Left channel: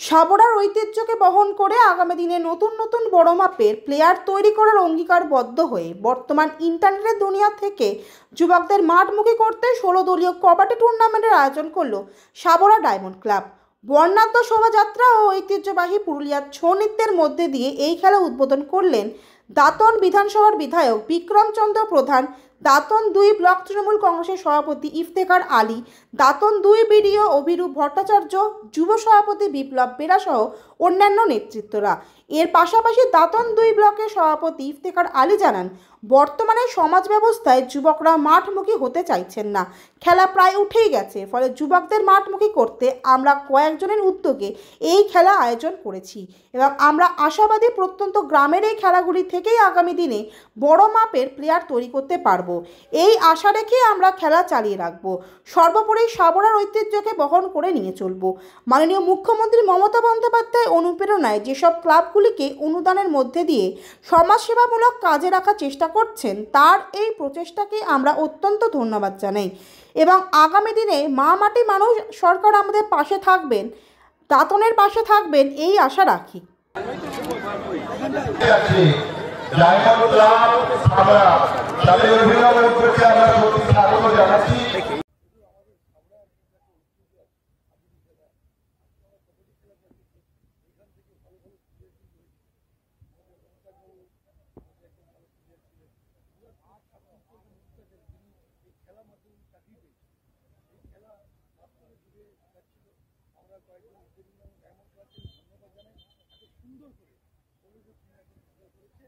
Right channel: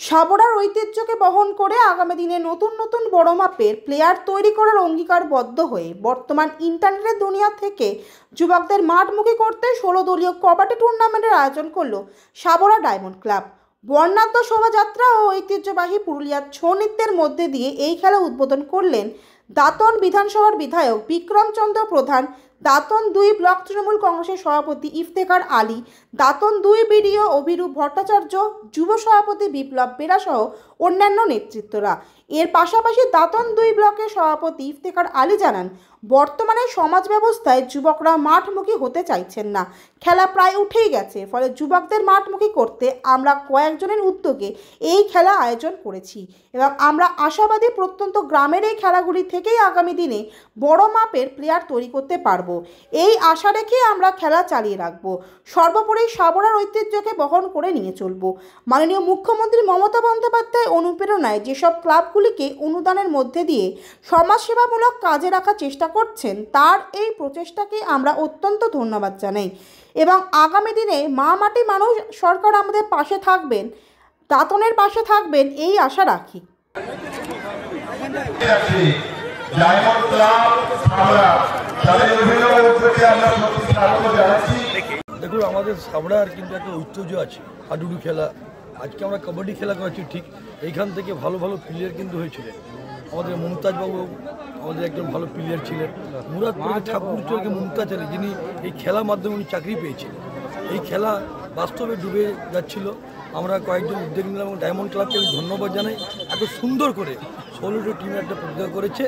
সাবরার ঐতিহ্যকে বহন করে আগামী দিনে নতুন নতুন বড় মাপের প্লেয়ার তৈরি করার অঙ্গীকারবদ্ধ হয়ে বর্তমান ইন্টারনেটের দুনিয়া থেকে যুবকদের মাঠমুখী করতে 16 দলীয় কবাডি টুর্নামেন্টের আয়োজন করল সাবরা ডায়মন্ড ক্লাব। বর্ণাঢ্য শোভাযাত্রা ও ঐতিহ্যবাহী পুরুলিয়ার ছৌ নৃত্যের মধ্যে দিয়ে এই খেলা উদ্বোধন করলেন দাঁতন বিধানসভার বিধায়ক বিক্রমচন্দ্র প্রধান, দাঁতন 2 ব্লক তৃণমূল কংগ্রেসের সভাপতি ইফতেখার আলী, দাঁতন 2 বিডিও অভিরূপ ভট্টাচার্য, যুব সভাপতি বিপ্লব বেরা সহ অন্যান্য নেতৃত্বরা। এর পাশাপাশি দাঁতন 2 ব্লকের সভাপতি ইফতেখার আলী জানান, বর্তমানে সমাজ ব্যবস্থায় যুবকরা মাঠমুখী হতে চাইছেন না, খেলা প্রায় উঠেই গেছে। ফলে যুবকদের মাঠমুখী করতে আমরা কয়েকজনের উদ্যোগে এই খেলা আয়োজন করেছি এবং আমরা আশাবাদী প্রত্যন্ত গ্রামের এই খেলাগুলি থেকেই আগামী দিনে বড় মাপের প্লেয়ার তৈরি করতে পারবো। এই আশা রেখে আমরা খেলা চালিয়ে রাখবো। সর্বোপরি সাবরার ঐতিহ্যকে বহন করে নিয়ে চলবো। মাননীয় মুখ্যমন্ত্রী মমতা বন্দ্যোপাধ্যায় অনুপ্রেরণায় যেসব ক্লাবগুলিকে অনুদানের মধ্যে দিয়ে সমাজসেবামূলক কাজে রাখার চেষ্টা করছেন, তার এই প্রচেষ্টাকে আমরা অত্যন্ত ধন্যবাদ জানাই এবং আগামী দিনে মা মাটি মানুষ সরকার আমাদের পাশে থাকবেন, দাঁতনের পাশে থাকবেন এই আশা রাখি। দেখুন, আমাদের সাবড়ার কিন্তু একটা ঐতিহ্য আছে, হাডুডু খেলা। আজকে আমরা কবাডি খেলা করেছি, ঠিক এইখান থেকে ভালো ভালো প্লেয়ার কিন্তু হয়েছিলেন। আমাদের মমতাজবাবু আমাদের একজন ভালো প্লেয়ার ছিলেন। মুরাদপুরের ঠাকুরচরকে মমতাজ আলী, যিনি এই খেলার মাধ্যমে উনি চাকরি পেয়েছিলেন। এই খেলা বাস্তবে ডুবে যাচ্ছিল। আমরা কয়েকজন উদ্যোগ নিলাম এবং ডায়মন্ড ক্লাবকে আমি ধন্যবাদ জানাই, এত সুন্দর করে 16টি টিমের একটা প্রতিযোগিতা করেছে।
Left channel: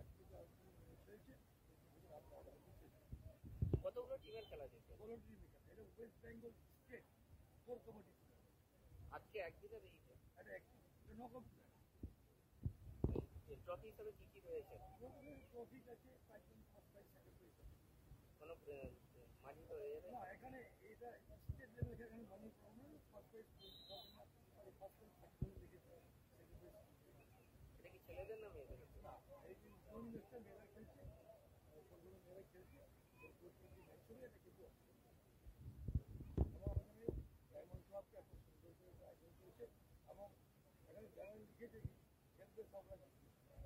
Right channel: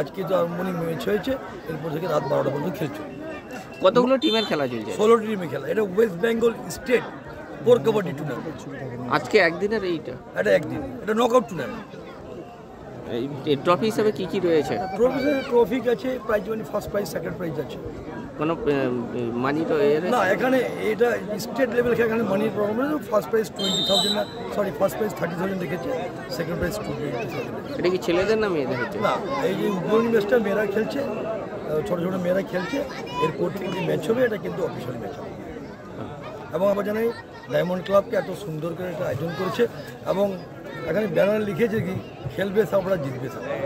আজকে তো আরম্ভণি ম্যাচ হয়েছে, এরপর থেকে রাত 12টা পর্যন্ত খেলছে। কতগুলো টিমের খেলা চলছে? 16টি টিমের খেলা। এটা West Bengal state pro kabaddi tournament. আজকে একদিনের এটা একদিন, এটা নকআউট টুর্নামেন্ট। এই ট্রফি হিসাবে কি কি রয়েছে? ট্রফি আছে, prize money, first prize, second prize আছে। কোনো মানি তো না, এখানে এটা স্টেট লেভেল, এখানে মানির প্রবলেম নেই। ফার্স্ট প্রাইজ 20,000, না সরি, ফার্স্ট প্রাইজ 30,000 রেখেছে, সেকেন্ড প্রাইজ 20,000। এটা কি ছেলেদের না মেয়েদের হচ্ছে? না, এই যে উদ্বোধনী ম্যাচটা মেয়েরা খেলছে, ছোটো ছোটো মেয়েরা খেলছে। এরপর থেকে যে ম্যাচ হবে এটা কিন্তু অফিসিয়াল ম্যাচ হবে। এবং আমরা জানাই ডায়মন্ড ক্লাবকে এত সুন্দর করে এটা আয়োজন করেছে এবং এখানে ব্যানার লিখেছে কি খেলবে সাবরা, জিতবে সাবরা।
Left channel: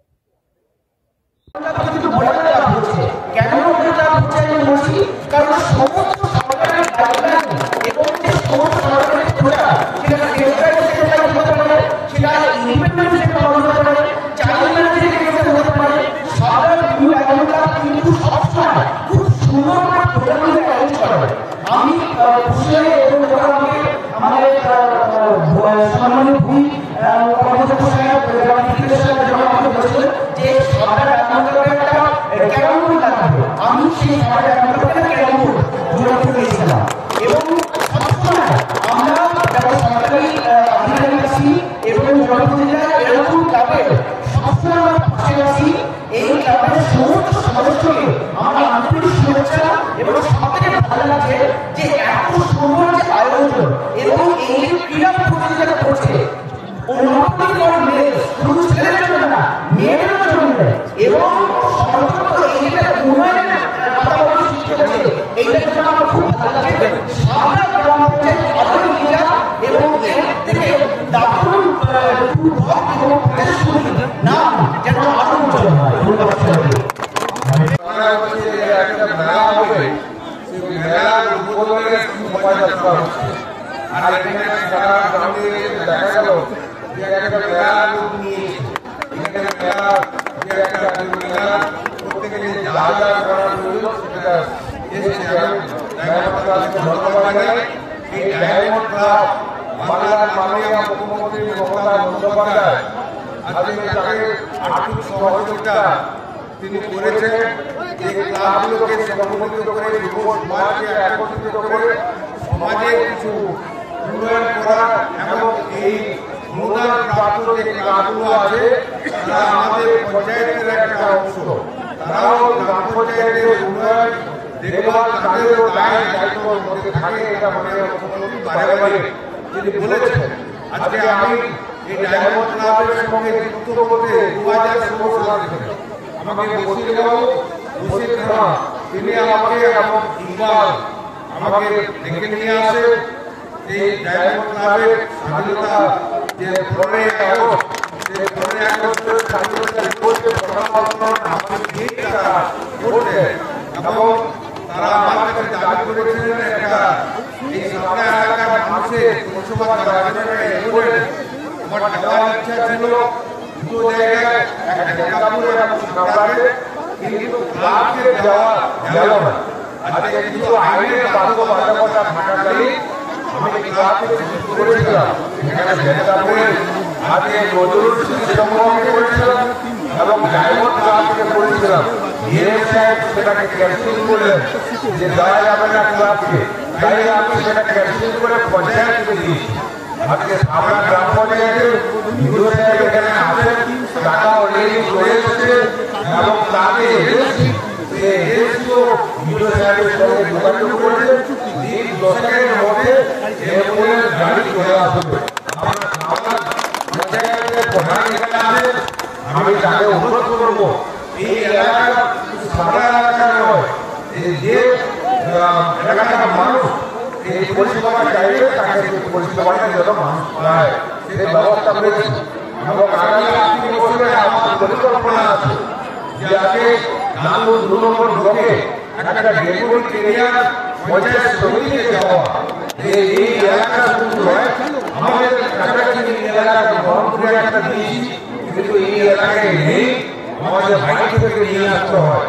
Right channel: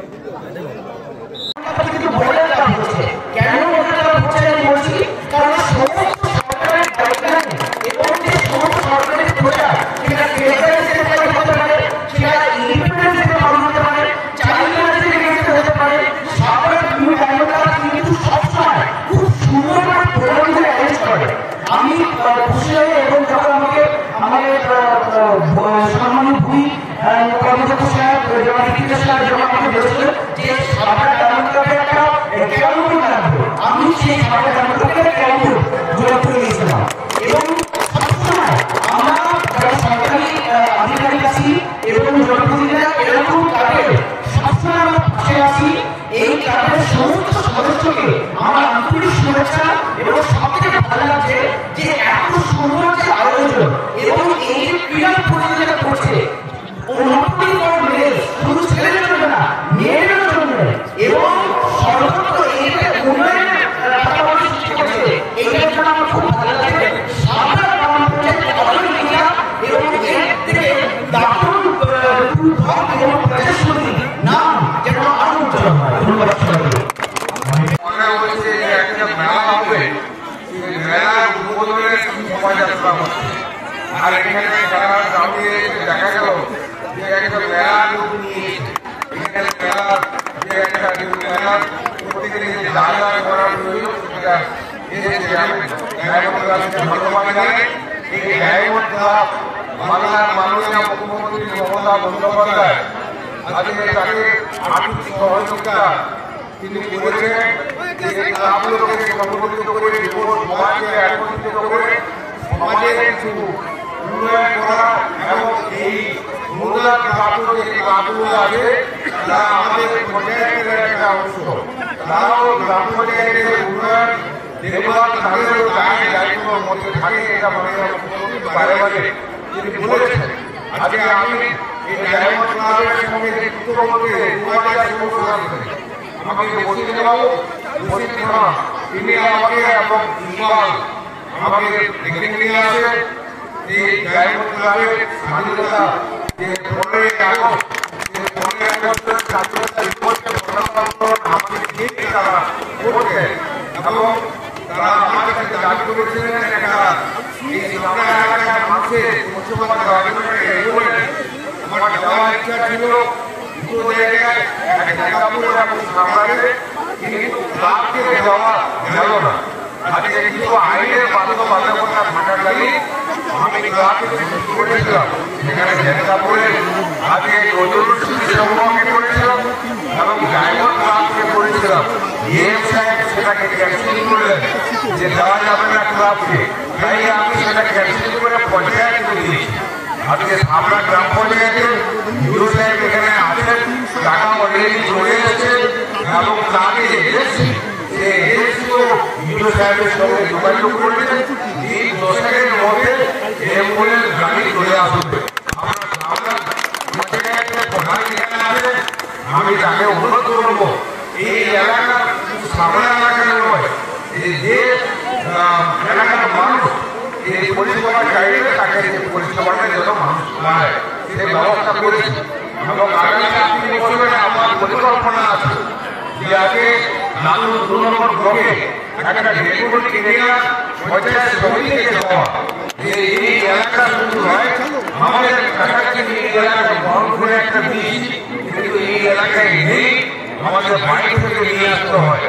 বাংলার মাননীয় মুখ্যমন্ত্রী মমতা বন্দ্যোপাধ্যায় আজকে তাকে আর্থিক সহযোগিতা তিনি করেছেন। যে ক্লাবগুলোকে সংগঠিত করে, যুব সমাজকে একত্রিত করে সমাজে কিছু উন্নয়ন করা এবং এই অনুদান প্রাপ্ত যে ক্লাবগুলো আছে তারা আমাদের পঞ্চায়েতের একটা অংশ। তারাও গ্রাম পঞ্চায়েতের উন্নয়ন দেখভাল তাদেরও দায়িত্বের মধ্যে থাকে। এটা মাননীয় মুখ্যমন্ত্রী বারে বারে তিনি বলেছেন। আজকে আমি এই ডায়মন্ড ক্লাবের সঙ্গে যুক্ত বলতে 2016 সাল থেকে আমাকে বসির খান তিনি আমাকে এবং ইকবাল আমাকে ডেকে নিয়ে আসে এই ডায়মন্ড ক্লাবের স্বাধীনতা যে 15 আগস্টের স্বাধীনতা দিবসে আমাদের যে তারা করছে এবং তারা আমার কাছে দাবি করেছিলেন একটা এই সামনা এলাকার মানুষের পরিষেবা দেওয়ার জন্য বলেন আমার যাওয়ার ইচ্ছা ছিল দুটো জায়গায় একটা দুর্গাপুর এবং সরকারে কিন্তু ক্লাবকে দেওয়া গেল না। আজকে কিছু আইনের বাধ্যবাধকতা থাকাকালীন আমি ক্লাবকে চিঠি করেছিলাম, সেখানে জেলাপুরে আজকে নজরুল স্মৃতি সংগ্রহকে করেছিলাম এবং ডায়মন্ড ক্লাবকে করেছিলাম। ডিএম সাহেব সেটাকে ক্যান্সেল করলেন যে দেওয়া যাবে না ক্লাবকে, তাই আমি সেটা ক্যান্সেল করে পঞ্চায়েতকে দিয়েছি। আজকে সামনা গ্রাম পঞ্চায়েতে ইউরো সাহেব এখানে আসেন, টাকা অলরেডি চলে এসেছে এবং তাকে ইউরো সাহেবের সঙ্গে যোগাযোগ করেছে এই দশকের মধ্যে অ্যাম্বুলেন্স গাড়ি চলে আসবে। পঞ্চায়েতের প্রধান এখানে আছেন, আমি তাকে অনুরোধ করবো এই এলাকার সারা এলাকায় নয়, এই যে এলাকার মানুষ এই পরিষেবাটা চাইবে তাকে পরিষেবাটা যেন মানুষ পায় সেই ব্যবস্থা করেছি। এবং আগামী 3 বছরে আমার পরিকল্পনা আছে যে আগে নানুর 2 নম্বর ব্লকে একটা ডেপুটি কেরিয়ার পঞ্চায়েত সমিতিকে যাওয়া, এই এলাকা শুরু হয় আমাদের কাছাকাছি এই এলাকা বহরমপুরে একটা দিয়েছি, কিন্তু এই এলাকায় নেই, আমাদের বাইরে থেকে নিয়ে আসতে হয়।